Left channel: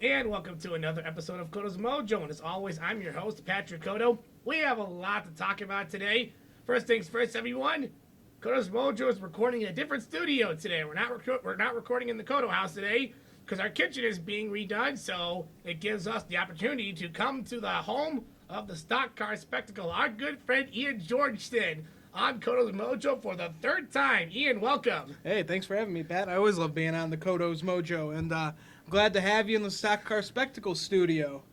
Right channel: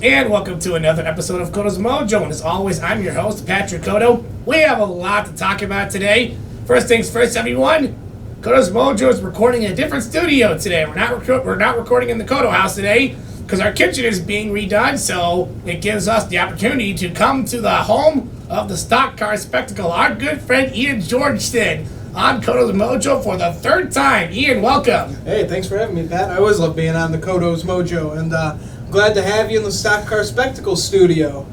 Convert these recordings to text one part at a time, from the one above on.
And welcome to another episode of Codo's Mojo. And as always, I'm your host, Patrick Codo. We have a lot to talk about today. First things first, everyone. Codo's Mojo is recording in a different studio today. We're not recording in the Codo house today because our kitchen is being redone. So it gives us the opportunity to come to the home of the stock car spectacle. Our good friend Ian Georgeso on Codo's Mojo for the third time. Ian, welcome. Hey, thanks for having me, Pat. I always love being on the Codo's Mojo, and glad to have you in the Stock Car Spectacle studio.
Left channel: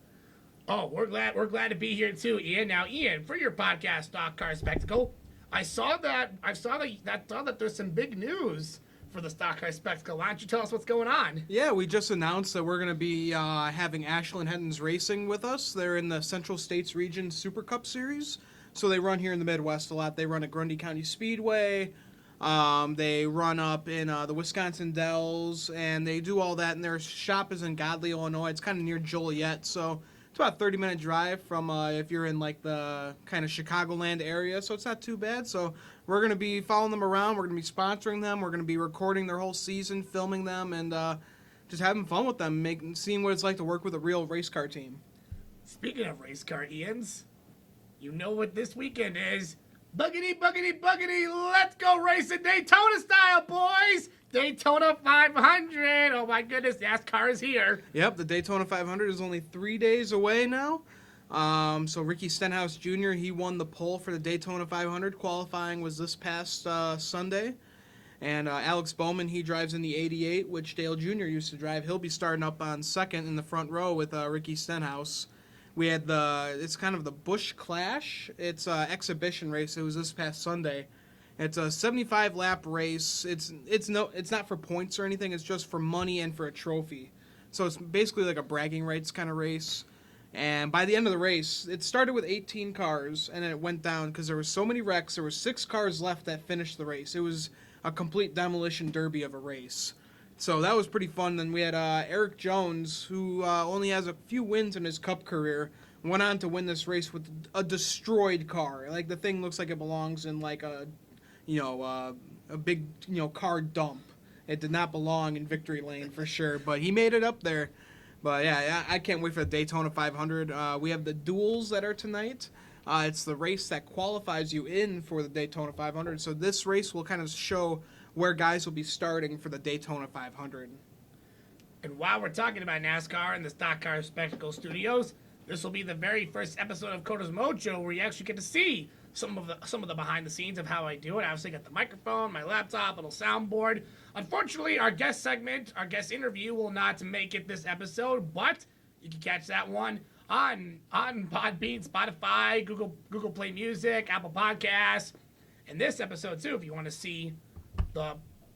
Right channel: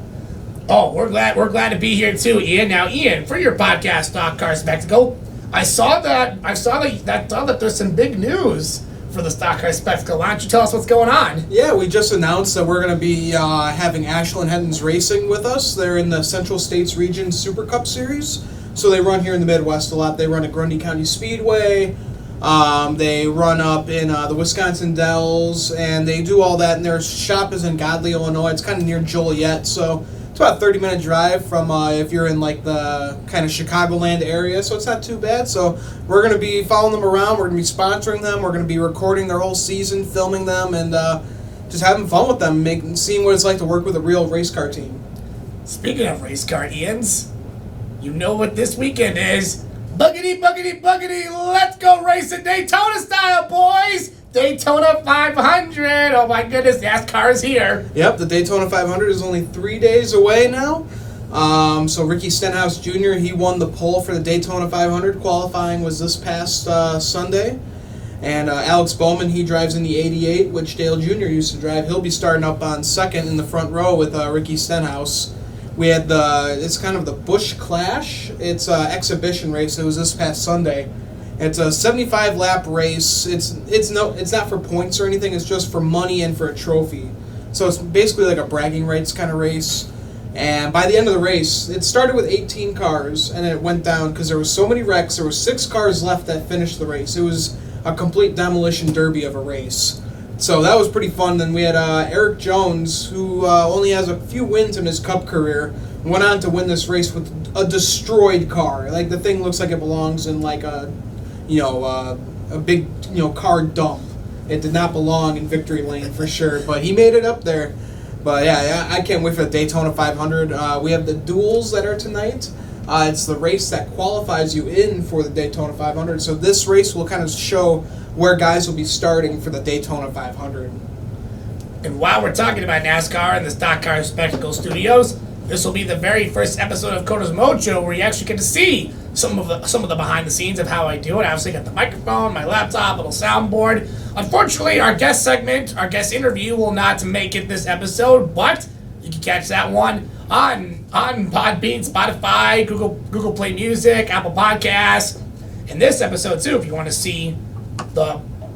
Oh, we're glad to be here too, Ian. Now, Ian, for your podcast, Stock Car Spectacle, I saw that there's some big news for the Stock Car Spectacle. Why don't you tell us what's going on? Yeah, we just announced that we're going to be having Ashland Heddens Racing with us. They're in the Central States Region Super Cup Series, so they run here in the Midwest a lot. They run at Grundy County Speedway. They run up in the Wisconsin Dells, and they do all that, and their shop is in Godley, Illinois. It's kind of near Joliet, so it's about a 30-minute drive from if you're in like the kind of Chicagoland area, so it's not too bad. So we're going to be following them around. We're going to be sponsoring them. We're going to be recording their whole season, filming them, and just having fun with them, seeing what it's like to work with a real race car team. Speaking of race car, Ians, you know what this weekend is. Buggity, buggity, buggity, let's go racing Daytona style, boys! Daytona 500! Oh my goodness, NASCAR is here. Yep, the Daytona 500 is only 3 days away now. So Ricky Stenhouse Jr., he won the pole for the Daytona 500. Qualifying was this past Sunday. And Alex Bowman, he drives in the 88, which Dale Jr. used to drive. He'll be starting up on second in the front row with Ricky Stenhouse. We had it's kind of the Busch Clash. It's an exhibition race. It was this past Sunday. It's a 75-lap race. It's not for points or anything. It's just for money and for a trophy. So it's basically like a bragging rights kind of race. And by the end of the race, it started with 18 cars, and it went down because there was so many wrecks. There were 6 cars left that finished the race. It was a complete demolition derby of a race. So that was pretty fun. Then we had Eric Jones, who only has a few wins in his Cup career, went on to win this race with a destroyed car. Like, the thing looks like it belongs in like a big car dump. It did not belong in victory lane for sure, but he made it up there. But yeah, I can't wait for the Daytona 500. We have the duels that are tonight. It's the race that qualifies you in for the Daytona 500. So this race will kind of show where guys will be starting for the Daytona 500. And while we're talking about NASCAR and the Stock Car Spectacle Studios, this will be the very first episode of Codo's Mojo where you actually get to see some of the behind the scenes of how I do it. I obviously got the microphone, my laptop, little soundboard. Unfortunately, our guest interview will not make it this episode, but you can catch that one on Podbean, Spotify, Google Play Music, Apple Podcasts. In this episode too, if you want to see the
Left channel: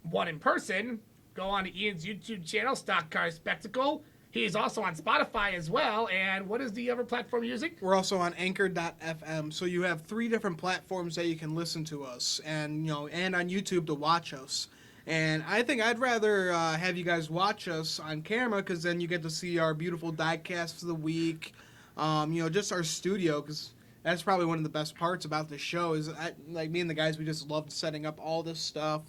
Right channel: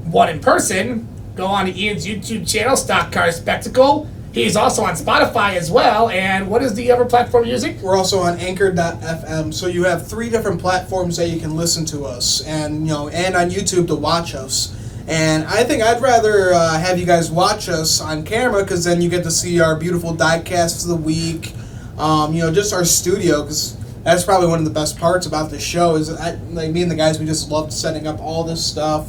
one in person, go on to Ian's YouTube channel, Stock Car Spectacle. He's also on Spotify as well. And what is the other platform you're using? We're also on Anchor.fm. So you have 3 different platforms that you can listen to us, and and on YouTube to watch us. And I think I'd rather have you guys watch us on camera, because then you get to see our beautiful diecasts of the week. Just our studio, because that's probably one of the best parts about this show is me and the guys, we just loved setting up all this stuff.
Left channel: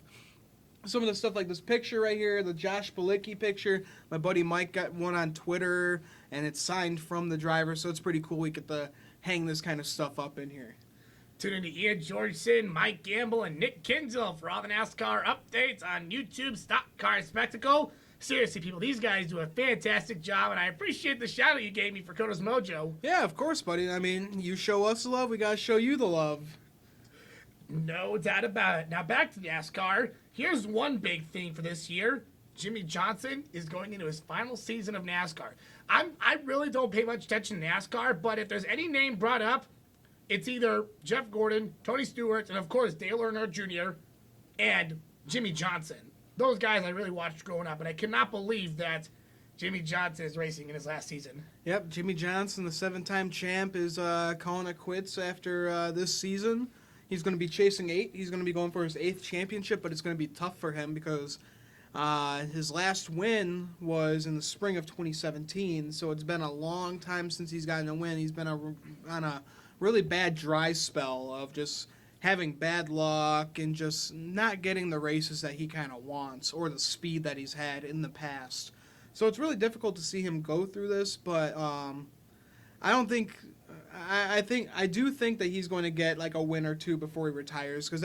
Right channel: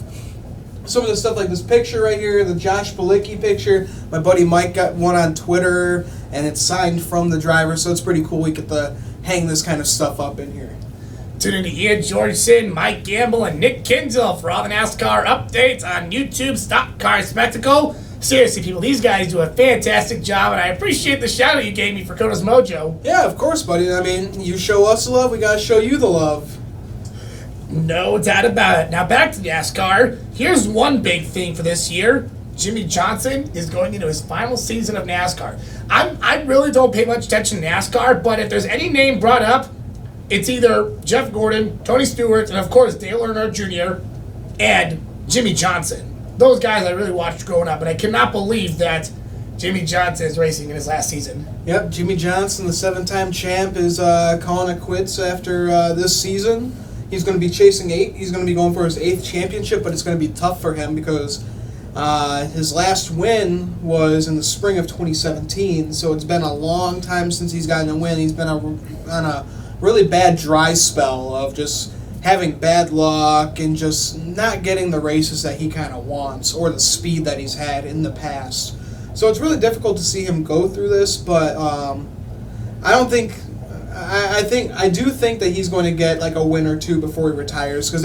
Some of the stuff like this picture right here, the Josh Palicki picture. My buddy Mike got one on Twitter, and it's signed from the driver, so it's pretty cool. We get to hang this kind of stuff up in here. Tune in to Ian Georgeso, Mike Gamble, and Nick Kinzel for all the NASCAR updates on YouTube, Stock Car Spectacle. Seriously, people, these guys do a fantastic job, and I appreciate the shout-out you gave me for Codo's Mojo. Yeah, of course, buddy. I mean, you show us the love, we gotta show you the love. No doubt about it. Now back to NASCAR. Here's one big thing for this year. Jimmy Johnson is going into his final season of NASCAR. I really don't pay much attention to NASCAR, but if there's any name brought up, it's either Jeff Gordon, Tony Stewart, and of course Dale Earnhardt Jr. and Jimmy Johnson. Those guys I really watched growing up, and I cannot believe that Jimmy Johnson is racing in his last season. Yep, Jimmy Johnson, the 7-time champ, is calling it quits after this season. He's going to be chasing 8. He's going to be going for his 8th championship, but it's going to be tough for him because his last win was in the spring of 2017, so it's been a long time since he's gotten a win. He's been on a really bad dry spell of just having bad luck and just not getting the races that he kind of wants or the speed that he's had in the past. So it's really difficult to see him go through this, but I don't think. I do think that he's going to get like a win or two before he retires, because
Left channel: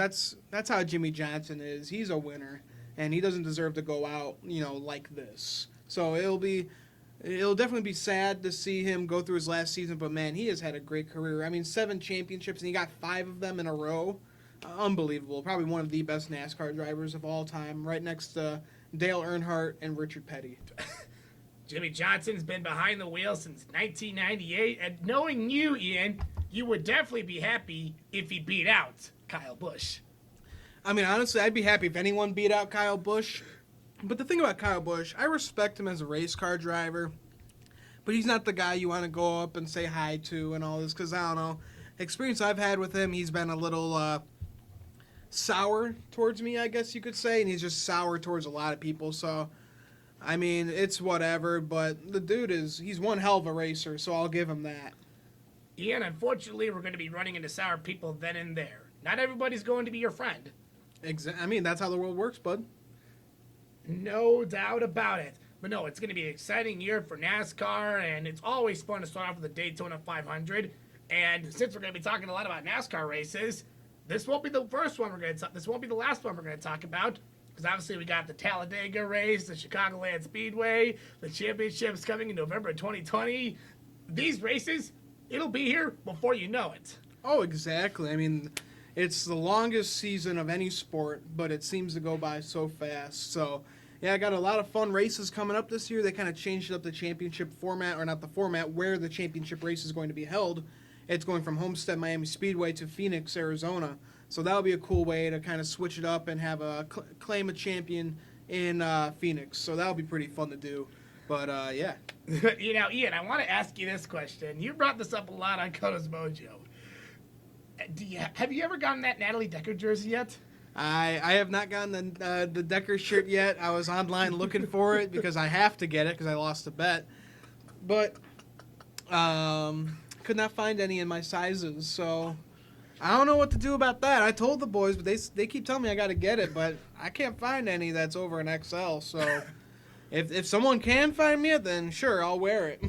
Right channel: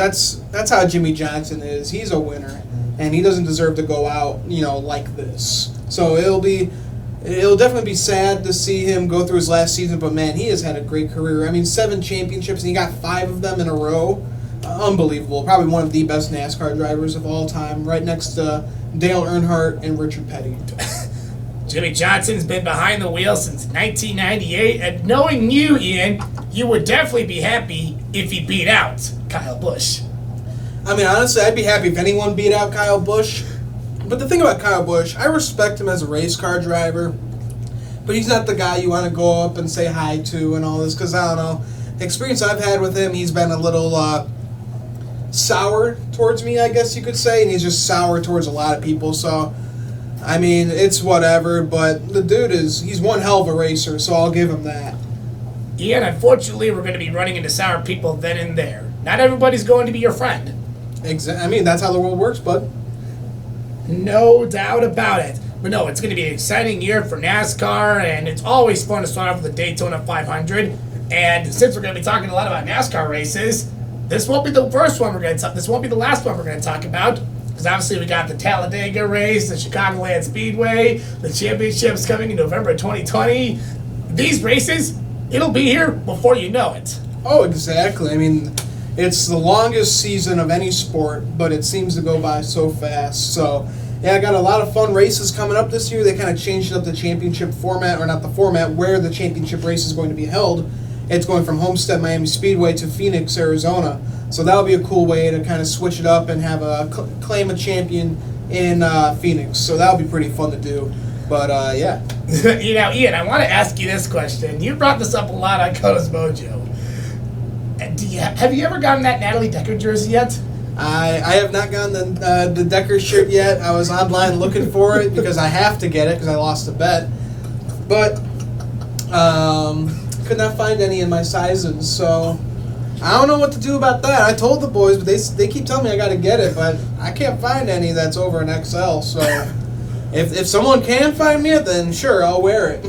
that's how Jimmy Johnson is. He's a winner, and he doesn't deserve to go out, like this. So it'll definitely be sad to see him go through his last season. But man, he has had a great career. I mean, 7 championships, and he got 5 of them in a row. Unbelievable. Probably one of the best NASCAR drivers of all time, right next to Dale Earnhardt and Richard Petty. Jimmy Johnson's been behind the wheel since 1998, and knowing you, Ian, you would definitely be happy if he beat out Kyle Busch. I mean, honestly, I'd be happy if anyone beat out Kyle Busch. But the thing about Kyle Busch, I respect him as a race car driver, but he's not the guy you want to go up and say hi to and all this, because I don't know. The experience I've had with him, he's been a little sour towards me, I guess you could say, and he's just sour towards a lot of people, so... I mean, it's whatever, but the dude he's one hell of a racer, so I'll give him that. Ian, unfortunately, we're going to be running into sour people then and there. Not everybody's going to be your friend. I mean, that's how the world works, bud. No doubt about it. But no, it's going to be an exciting year for NASCAR, and it's always fun to start off with the Daytona 500. And since we're going to be talking a lot about NASCAR races, this won't be the first one this won't be the last one we're going to talk about. Because obviously we got the Talladega race, the Chicagoland Speedway, the championships coming in November 2020. These races, it'll be here before you know it. Oh, exactly. I mean, it's the longest season of any sport, but it seems to go by so fast. So, yeah, I got a lot of fun races coming up this year. They kind of changed up the championship format, or not the format, where the championship race is going to be held. It's going from Homestead Miami Speedway to Phoenix, Arizona. So that'll be a cool way to kind of switch it up and have claim a champion in Phoenix. So that'll be pretty fun to do. But, yeah. Ian, I want to ask you this question. You brought this up a lot on Codo's Mojo. Have you ever gotten that Natalie Decker jersey yet? I have not gotten the Decker shirt yet. I was online looking for it because I have to get it because I lost a bet. But could not find any in my sizes, so... I don't know what to do about that. I told the boys, but they keep telling me I got to get it, but I can't find any that's over an XL. So if someone can find me it, then sure, I'll wear it.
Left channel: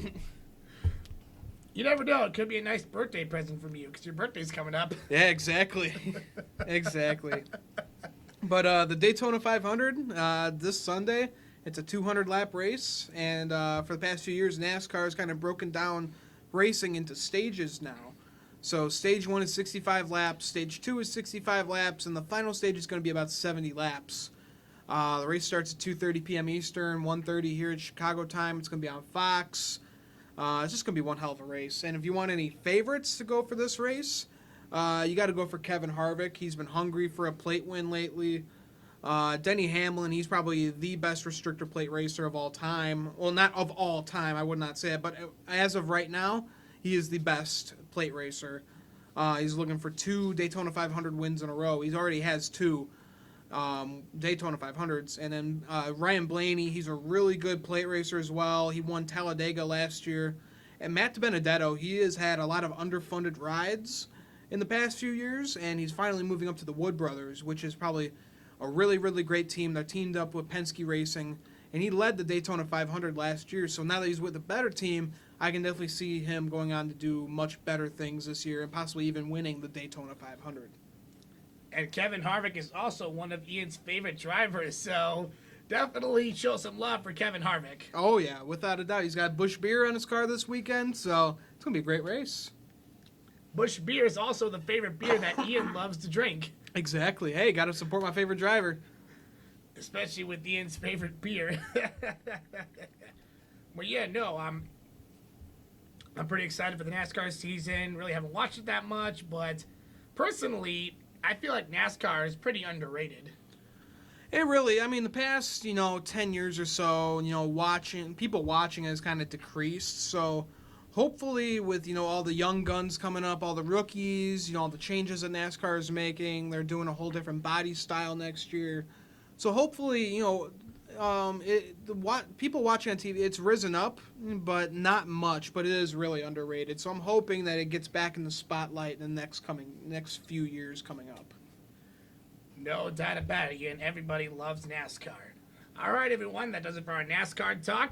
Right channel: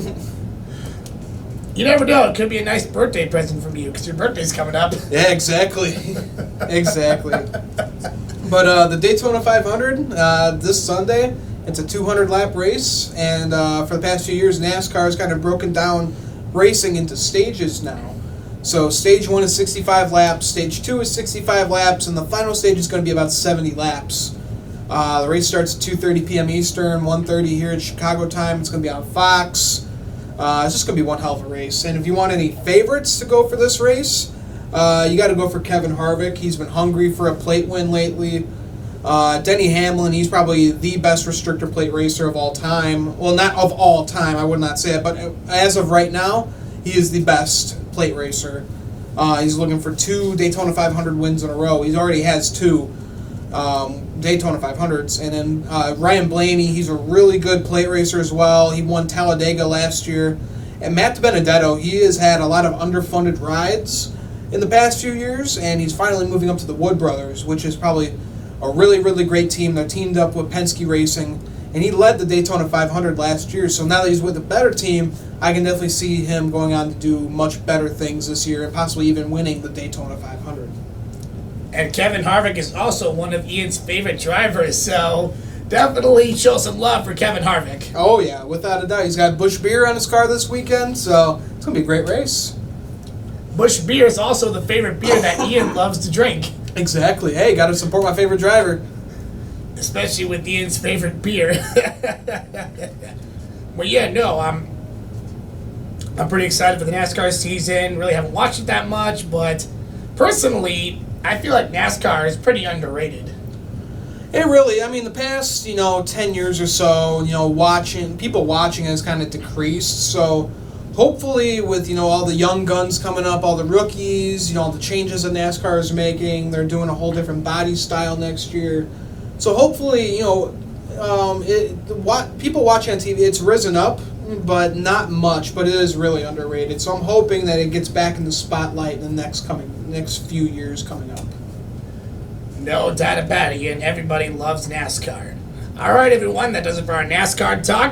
You never know. It could be a nice birthday present from you because your birthday's coming up. Yeah, exactly. Exactly. But the Daytona 500, this Sunday, it's a 200-lap race. And for the past few years, NASCAR has kind of broken down racing into stages now. So stage 1 is 65 laps, stage 2 is 65 laps, and the final stage is going to be about 70 laps. The race starts at 2:30 p.m. Eastern, 1:30 here at Chicago time. It's going to be on Fox. It's just going to be one hell of a race. And if you want any favorites to go for this race, you got to go for Kevin Harvick. He's been hungry for a plate win lately. Denny Hamlin, he's probably the best restrictor plate racer of all time. Well, not of all time, I would not say it, but as of right now, he is the best plate racer. He's looking for 2 Daytona 500 wins in a row. He already has 2 Daytona 500s. And then Ryan Blaney, he's a really good plate racer as well. He won Talladega last year. And Matt DiBenedetto, he has had a lot of underfunded rides in the past few years, and he's finally moving up to the Wood Brothers, which is probably a really, really great team. They're teamed up with Penske Racing, and he led the Daytona 500 last year. So now that he's with a better team, I can definitely see him going on to do much better things this year and possibly even winning the Daytona 500. And Kevin Harvick is also one of Ian's favorite drivers, so definitely show some love for Kevin Harvick. Oh, yeah, without a doubt. He's got Busch beer on his car this weekend, so it's going to be a great race. Busch beer is also the favorite beer that Ian loves to drink. Exactly. Hey, got to support my favorite driver. Especially with Ian's favorite beer. But yeah, no, I'm pretty excited for the NASCAR season. Really haven't watched it that much, but personally, I feel like NASCAR is pretty underrated. It really, I mean, the past, 10 years or so, people watching has kind of decreased. So hopefully with, all the young guns coming up, all the rookies, all the changes that NASCAR is making, they're doing a whole different body style next year. So hopefully, people watching on TV, it's risen up, but not much, but it is really underrated. So I'm hoping that it gets back in the spotlight in the next few years coming up. No doubt about it, and everybody loves NASCAR. All right, everyone, that does it for our NASCAR talk.